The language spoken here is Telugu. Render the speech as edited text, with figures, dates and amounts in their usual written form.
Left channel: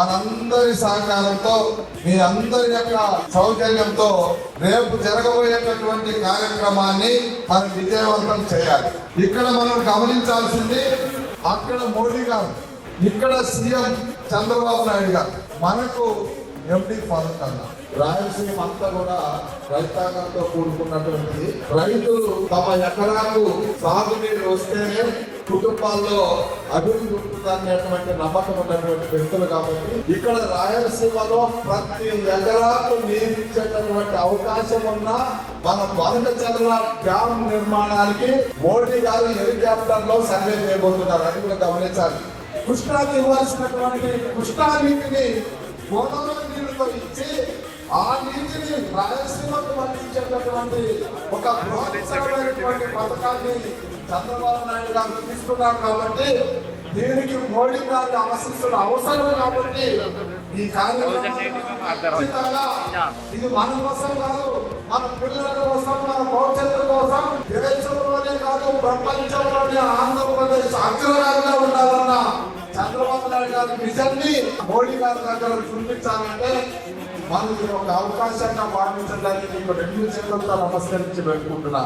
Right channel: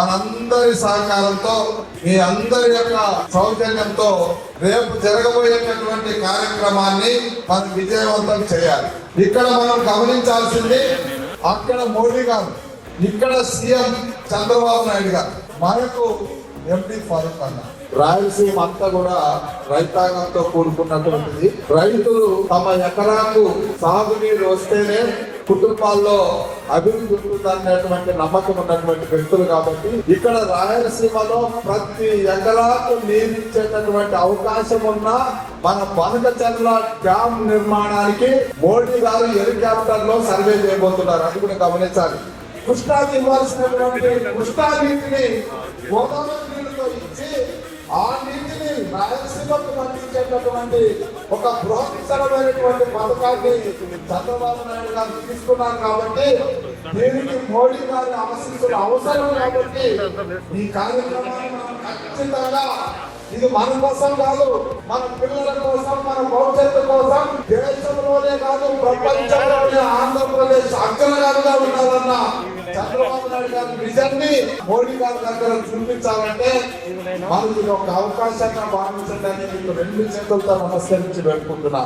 మనందరి సహకారంతో మీ అందరి యొక్క సౌజన్యంతో రేపు జరగబోయేటటువంటి కార్యక్రమాన్ని మనం విజయవంతం చేయాలి. ఇక్కడ మనం గమనించాల్సింది అక్కడ మోడీ గారు, ఇక్కడ సీఎం చంద్రబాబు నాయుడు గారు, మనకు ఎంపీ ఫారూక్ అన్న. రాయలసీమ అంతా కూడా రైతాంగంతో కూడుకున్నటువంటిది. రైతులు తమ ఎకరాకు సాగునీరు వస్తేనే కుటుంబాల్లో అభివృద్ధి ఉంటుందనేటువంటి నమ్మకం ఉన్నటువంటి వ్యక్తులు కాబట్టి ఇక్కడ రాయలసీమలో ప్రతి ఎకరాకు నీరు ఇచ్చేటటువంటి అవకాశం ఉన్న మన పనకచర్ల డ్యామ్ నిర్మాణానికి మోడీ గారు హెలికాప్టర్ లో సర్వే చేయబోతున్నారు. అది కూడా గమనించాలి. కృష్ణాకి ఇవ్వాల్సినటువంటి కృష్ణా నీటిని గోదావరి నీటితో ఇచ్చి ఆ నీటిని రాయలసీమకు పంపించేటటువంటి ఒక బృహత్తరమైనటువంటి పథకాన్ని చంద్రబాబు నాయుడు గారు తీసుకున్నారు. కాబట్టి దీనికి మోడీ గారిని ఆశిస్తున్న అవసరం కాబట్టి ఈ కార్యక్రమాన్ని ఇది మన కోసం కాదు, మన పిల్లల కోసం, మన భవిష్యత్తు కోసం, దేశంలోనే కాదు ప్రపంచంలోనే ఆంధ్రప్రదేశ్ అగ్రగామిగా ఉండాలన్న చంద్రబాబు నాయుడు గారి విజన్ ని మోడీ గారి దగ్గర చూపించాలంటే మనకి ఒక అవకాశంగా భావించడానికి రెండు చేతులతో నమస్కరించి పెట్టుకుంటున్నా.